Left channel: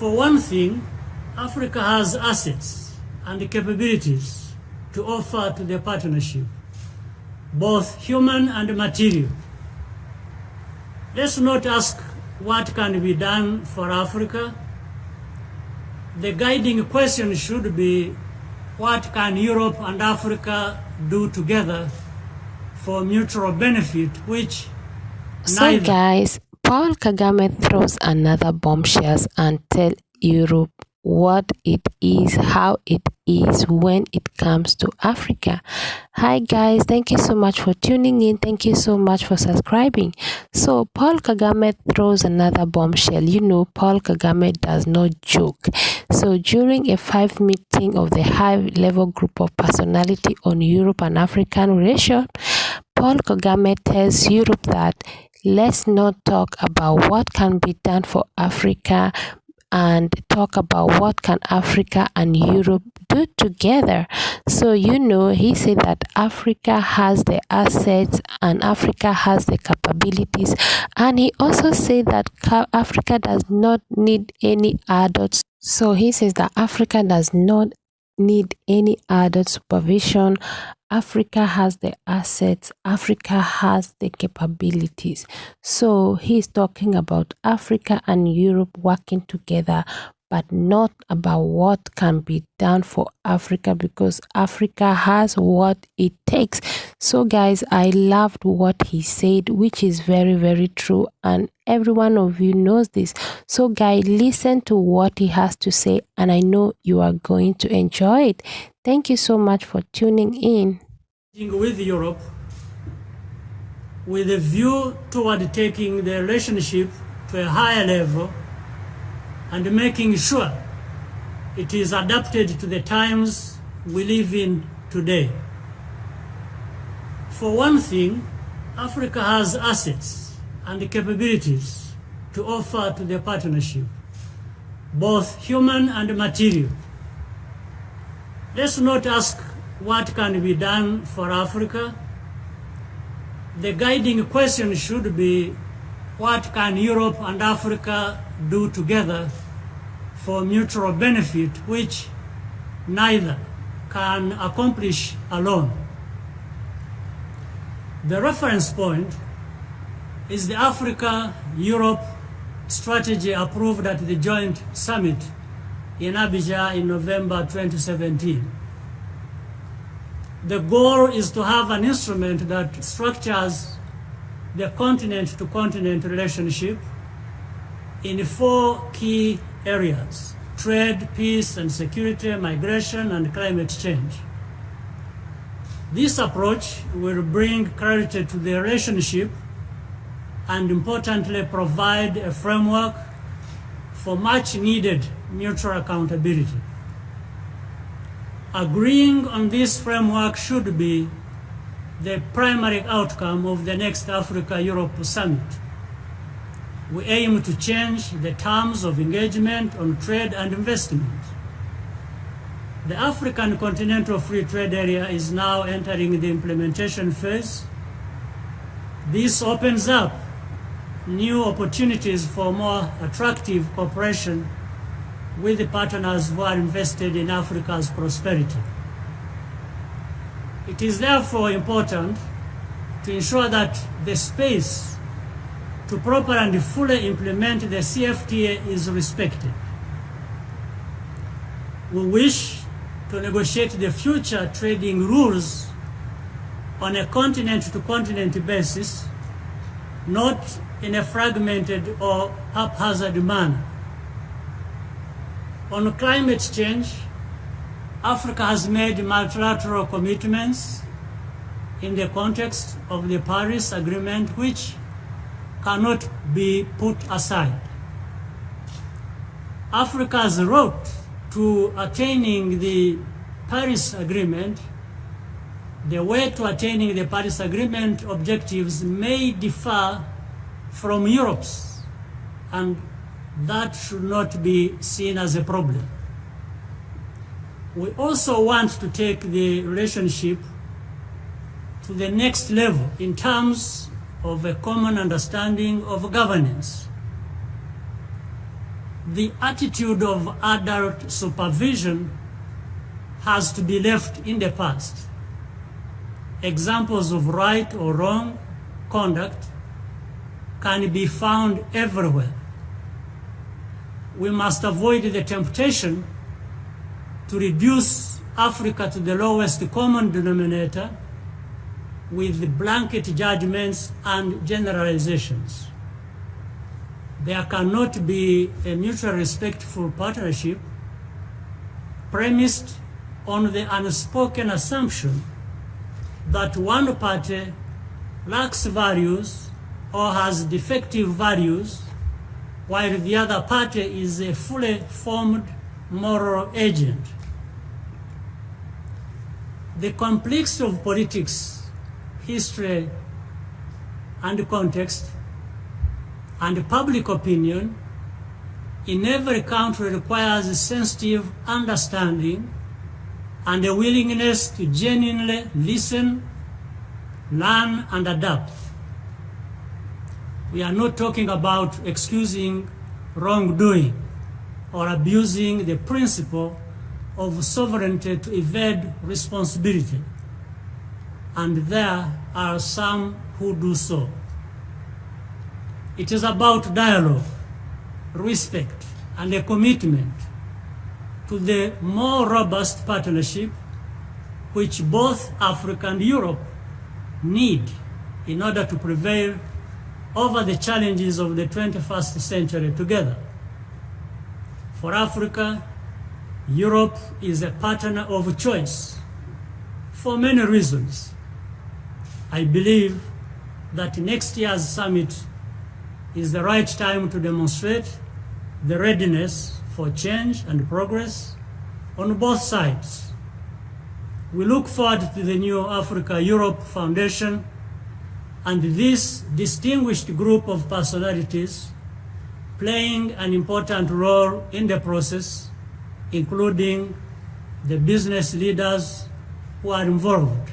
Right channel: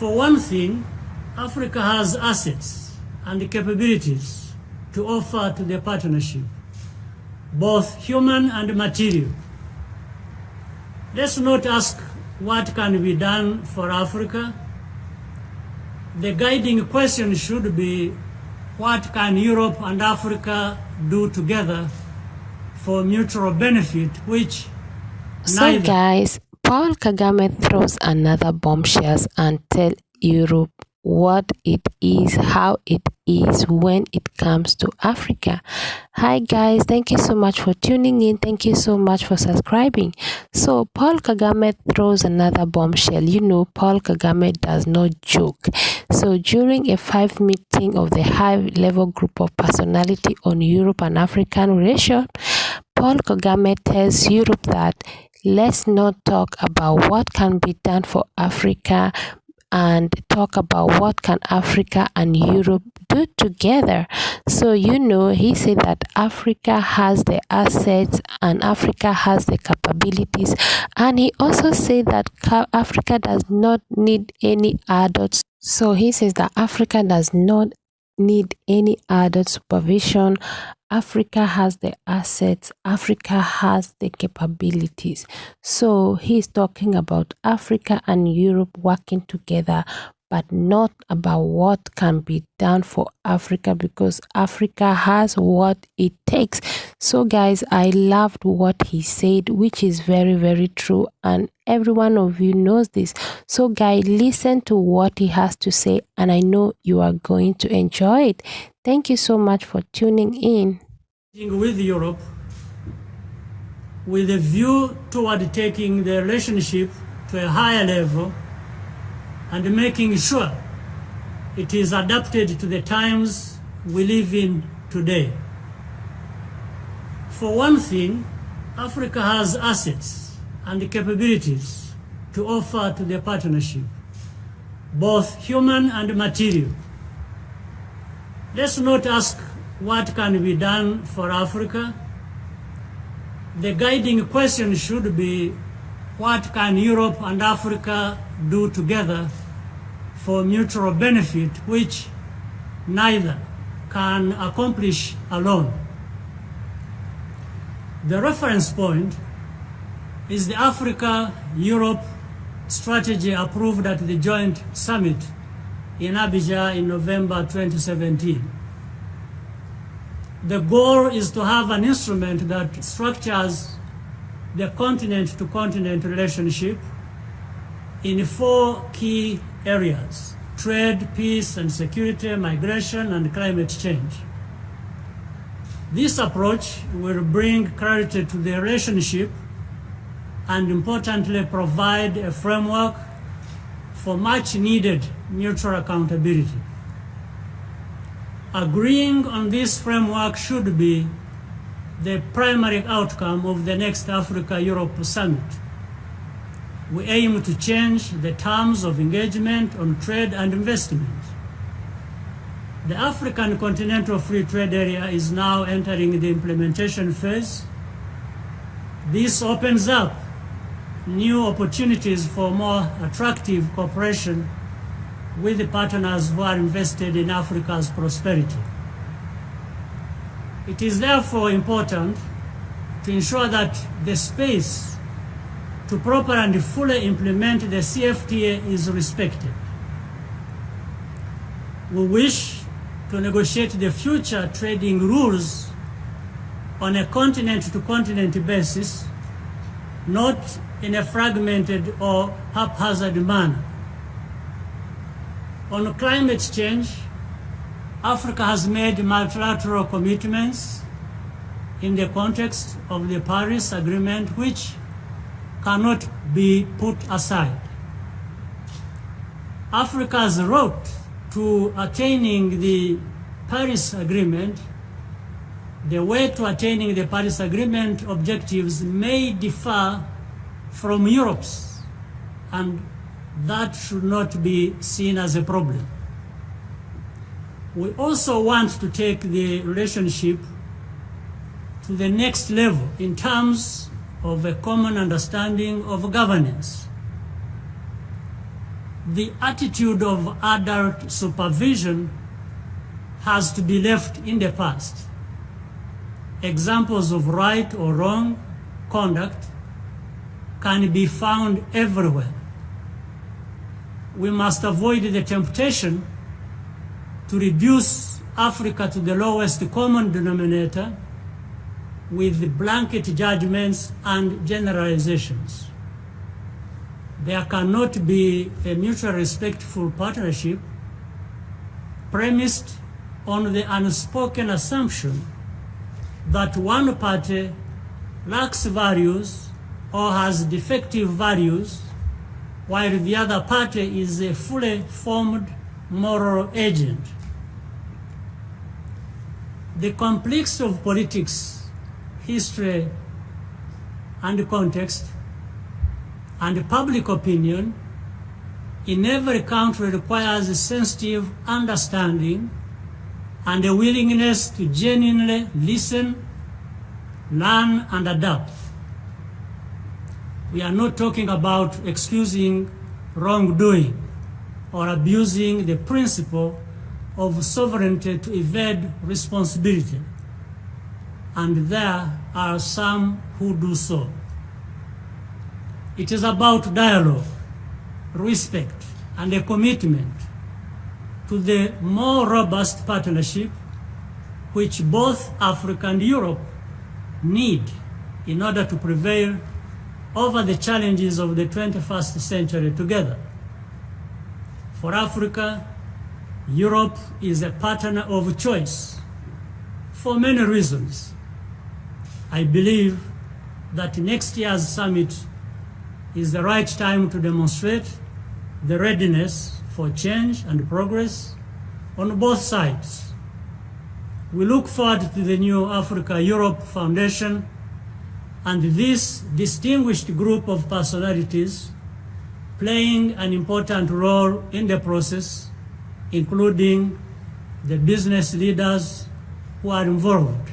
For one thing, Africa has assets and capabilities to offer to the partnership, both human and material. Let's not ask what can be done for Africa. The guiding question should be, what can Europe and Africa do together for mutual benefit, which So guys, Paul Kagame throws another bombshells and tell Europe what it is, how it is when it comes to Africa. Hi guys, thank you so much for tuning in. Thank you so much for subscribing. So Paul Kagame throws another bombshell. You know, Paul Kagame does not joke. So during a 5 meeting of the high-level group of personality on Europe and African relations, Paul Kagame tells Europe that let's not talk about what can be done for Africa and talk about what can Africa and Europe do together. So, you know, he said that Africa has the assets and Africa has the capabilities. And he also said that Africa does not need any adults. So he says that Africa does not need any adult supervision. Africa has the assets, Africa has the capabilities. So he's talking about Africa and Europe working together, but not about what can be done for Africa, because Africa has what it takes. So guys, I loved what he said, which is very, very true, and every one of you knows this. So guys, listen to what he has to say, and I know you are going to enjoy it. Thank you so much for tuning in. With Europe, with a view toward taking the relationship to a higher level and making sure it is adapted to the times we live in today. For one thing, Africa has assets and capabilities to offer to the partnership, both human and material. Let's not ask what can be done for Africa. The guiding question should be, what can Europe and Africa do together for mutual benefit, which neither can accomplish alone. The reference point is the Africa-Europe strategy approved at the joint summit in Abidjan in November 2017. The goal is to have an instrument that structures the continent-to-continent relationship in 4 key areas: trade, peace and security, migration, and climate change. This approach will bring clarity to the relationship and, importantly, provide a framework for much-needed mutual accountability. Agreeing on this framework should be the primary outcome of the next Africa-Europe Summit. We aim to change the terms of engagement on trade and investment. The African Continental Free Trade Area is now entering the implementation phase. This opens up new opportunities for more attractive cooperation with the partners who are invested in Africa's prosperity. It is therefore important to ensure that the space to properly and fully implement the CFTA is respected. We wish to negotiate the future trading rules on a continent-to-continent basis, not in a fragmented or haphazard manner. On climate change, Africa has made multilateral commitments in the context of the Paris Agreement, which cannot be put aside. Africa's route to attaining the Paris Agreement, the way to attaining the Paris Agreement objectives may differ from Europe's, and that should not be seen as a problem. We also want to take the relationship to the next level in terms of a common understanding of governance. the attitude of adult supervision has to be left in the past. Examples of right or wrong conduct can be found everywhere. We must avoid the temptation to reduce Africa to the lowest common denominator with blanket judgments and generalizations. There cannot be a mutually respectful partnership premised on the unspoken assumption that one party lacks values or has defective values, while the other party is a fully formed moral agent. The complexity of politics, history, and context, and public opinion in every country requires a sensitive understanding and a willingness to genuinely listen, learn, and adapt. We are not talking about excusing wrongdoing or abusing the principle of sovereignty to evade responsibility, and there are some who do so. It is about dialogue, respect, and a commitment to the more robust partnership which both Africa and Europe need in order to prevail over the challenges of the 21st century together. For Africa, Europe is a partner of choice for many reasons. I believe that next year's summit is the right time to demonstrate the readiness for change and progress on both sides. We look forward to the new Africa-Europe Foundation and this distinguished group of personalities playing an important role in the process, including the business leaders who are involved.